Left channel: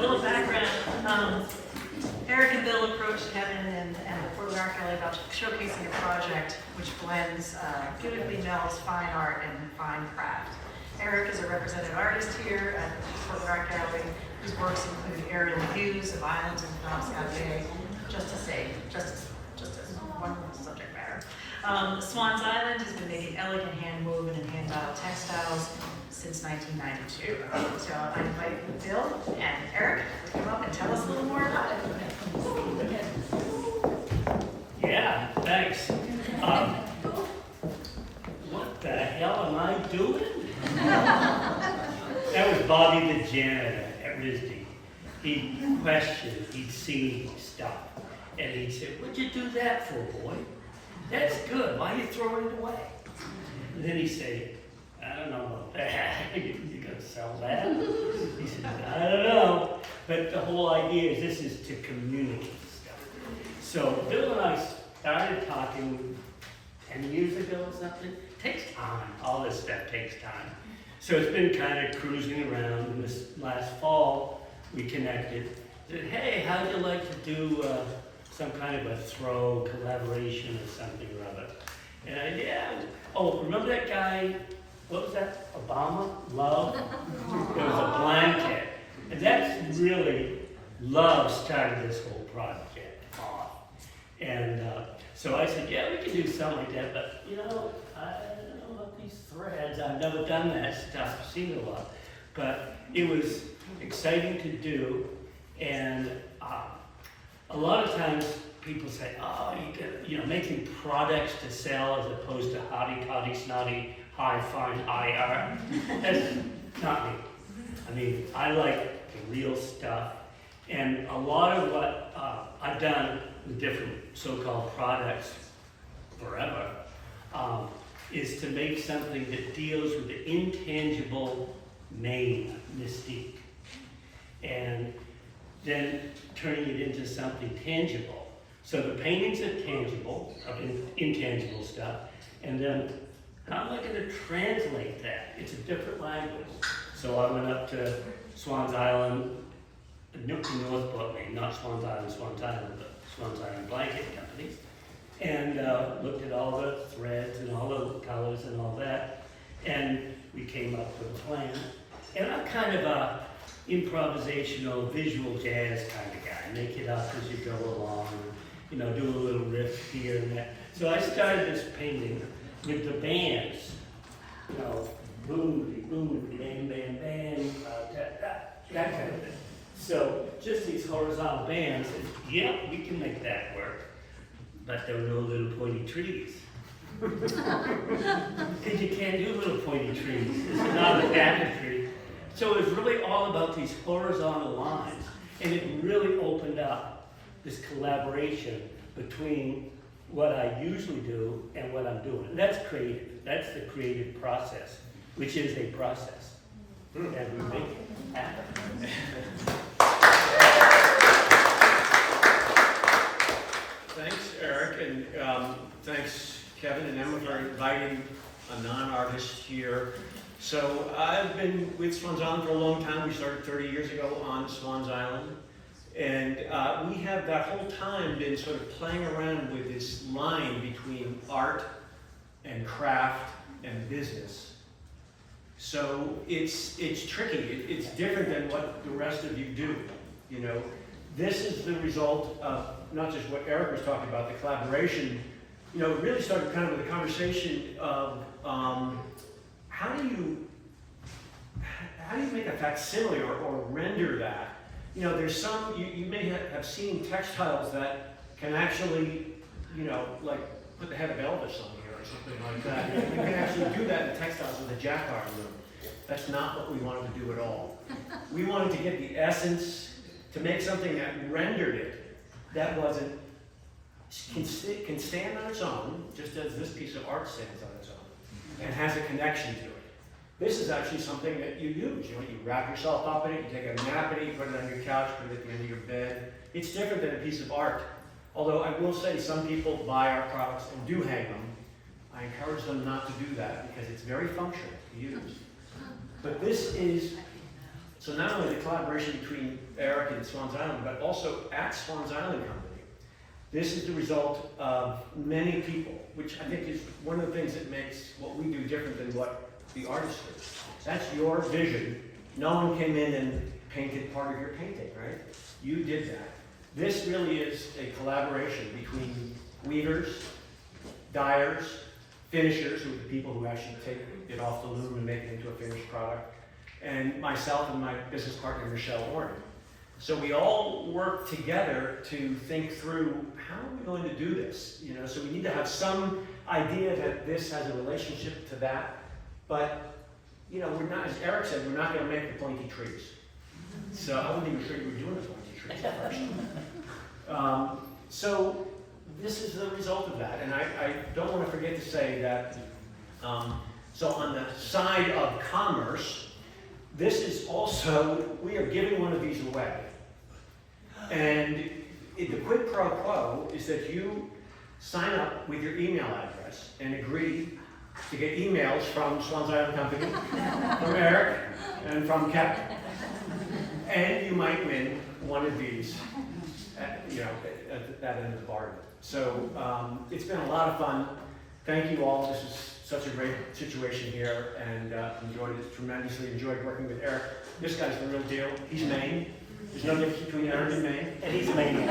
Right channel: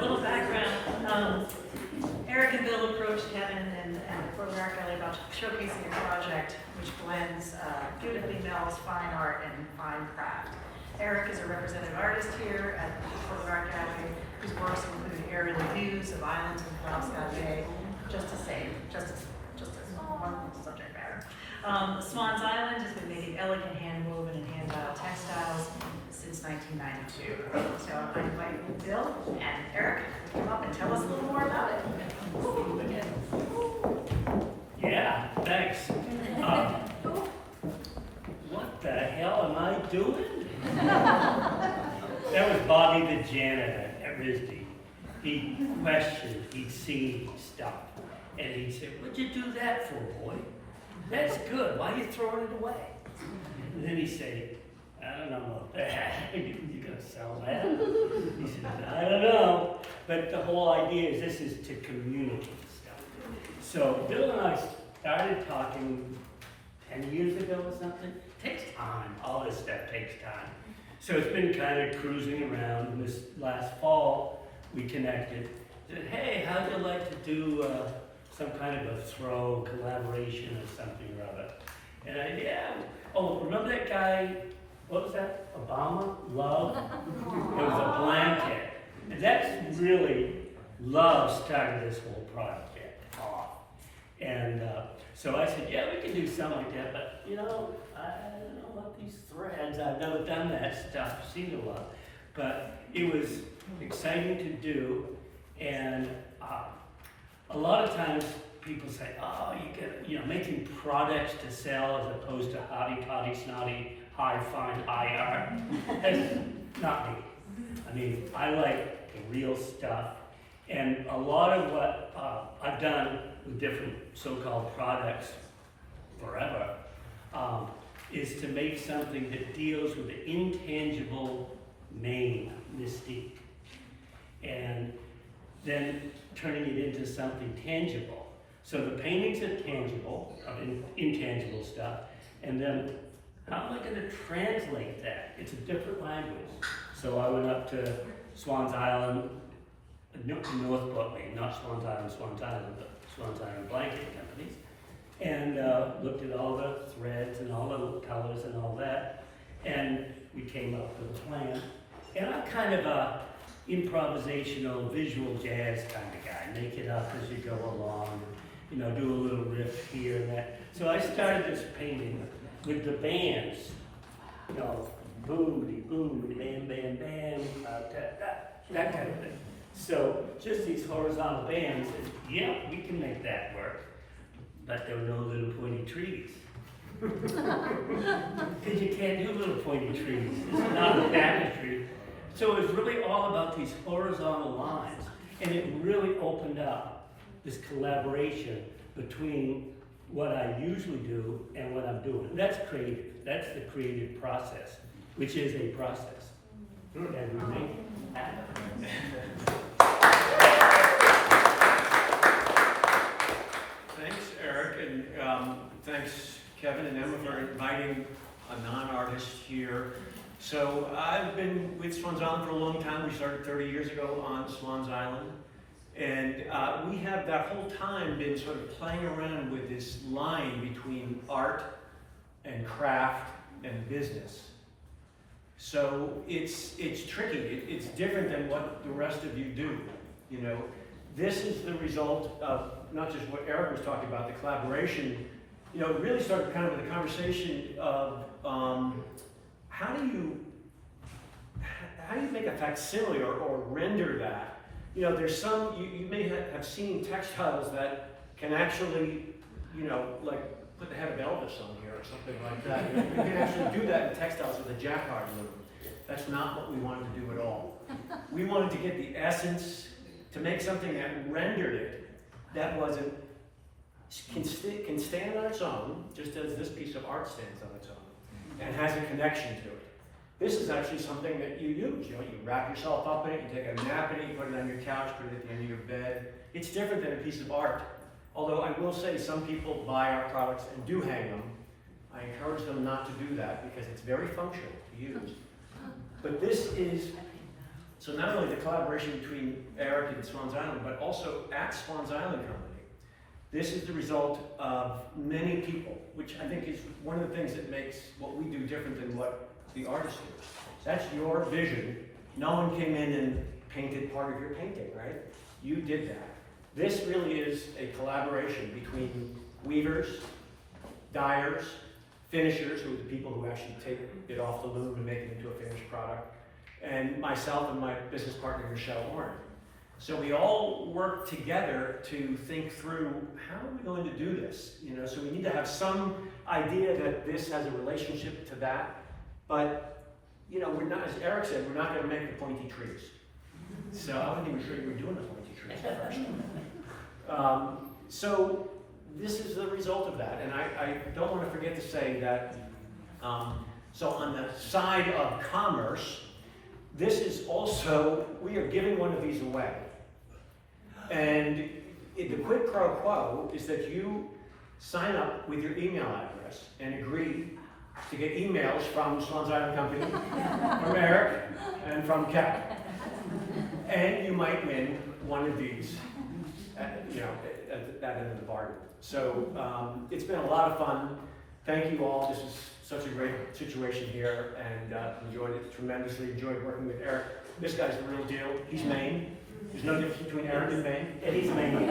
little background. Eric and Bill approached Kevin and the Portland Art Gallery about showcasing a project which blends, beautifully melds fine art and fine craft. Eric is a represented artist here at the Portland Art Gallery, whose works include aerial views of islands and Penobscot Bay, just as wonderful subject matter. Swans Island has been making elegant hand-woven and hand-dyed textiles since 1992. So I invite Bill and Eric to come up and tell us a little more about it. Yeah, thanks. What the hell am I doing? That was Bobby the janitor at RISD. He'd question, he'd see stuff, and he'd say, "What'd you do that for, boy? That's good, why are you throwing it away?" And then he'd say, "I don't know about that. You gonna sell that?" He said, "I don't know." But the whole idea is this is to communicate stuff. So Bill and I started talking 10 years ago or something. It takes time, all this stuff takes time. So it's been kind of cruising around, and this last fall we connected. Said, "Hey, how'd you like to do some kind of a throw collaboration or something or other?" And oh, remember that guy, what was that, Obama, Love? It was a blanket. And that's really, Love started this whole project off. And so I said, yeah, we can do something like that, but I don't know about these threads. I've never done that stuff, I've seen it a lot. But it was exciting to do, and a lot of times people say, oh, you get, making products to sell as opposed to hotty, toddy, snotty, high, fine, high art. That's not me. I mean, I like the real stuff. And a lot of what I've done with different so-called products forever is to make something that deals with the intangible main mystique. And then turning it into something tangible. So the paintings are tangible, of intangible stuff, and then how am I going to translate that? It's a different language. So I went up to Swans Island, North Portland, not Swans Island, but Swans Island Blanket Companies, and looked at all the threads and all the colors and all that, and we came up with a plan. And I'm kind of a improvisational, visual jazz kind of guy. Make it up as you go along, do a little riff here and there. So I started this painting with the bands, boom, boom, bam, bam, bam, that kind of thing. So just these horizontal bands, yeah, we can make that work, but there were no little pointy trees. Because you can't do little pointy trees. This is not a tapestry. So it was really all about these horizontal lines, and it really opened up this collaboration between what I usually do and what I'm doing. And that's creative. That's the creative process, which is a process. And we make it happen. Thanks, Eric, and thanks, Kevin and Emma, for inviting a non-artist here. So I've been with Swans Island for a long time. We started 30 years ago on Swans Island. And we have that whole time been sort of playing around with this line between art and craft and business. So it's tricky. It's different than what the rest of you do. This is the result of not just what Eric was talking about, the collaboration. It really started kind of with a conversation of how do you make a facsimile or render that? There's some, you may have seen textiles that can actually, like put the head of Elvis on here or something like that. You can actually do that in textiles with a jacquard loom. That's not what we wanted to do at all. We wanted to get the essence, to make something that rendered it, that wasn't, can stand on its own, just as this piece of art stands on its own, and has a connection to it. This is actually something that you use. You wrap yourself up in it, you take a nap in it, you put it on your couch, put it at the end of your bed. It's different than a piece of art. Although I will say some people buy our products and do hang them. I encourage them not to do that because it's very functional to use. But this is So not only the collaboration between Eric and Swans Island, but also at Swans Island Company. This is the result of many people, which I think is one of the things that makes what we do different than what the artists do. That's your vision. No one came in and painted part of your painting, right? You did that. This really is a collaboration between weavers, dyers, finishers, who are the people who actually take it off the loom and make it into a finished product, and myself and my business partner, Michelle Warren. So we all work together to think through, how are we going to do this? You know, so we need to have some idea that this has a relationship to that, but you know, we're not, as Eric said, we're not going to make the pointy trees. So I wasn't even sure you were doing the pointy trees at first. So this is the result of that, and I don't want to forget to say that, so on the side of commerce, this is also, we are giving one of these away. And the quid pro quo is that you sign up with your email address and agree to get emails from Swans Island Company, from Eric, and from Kevin. And you might win one of these at that end of the bargain. So it's been a lot of fun. Thank you all. This is such a great situation here, and enjoyed it tremendously. Enjoyed working with Eric. This guy's the real deal. He's Maine. There's no difference between Eric and Maine. And he's amazing.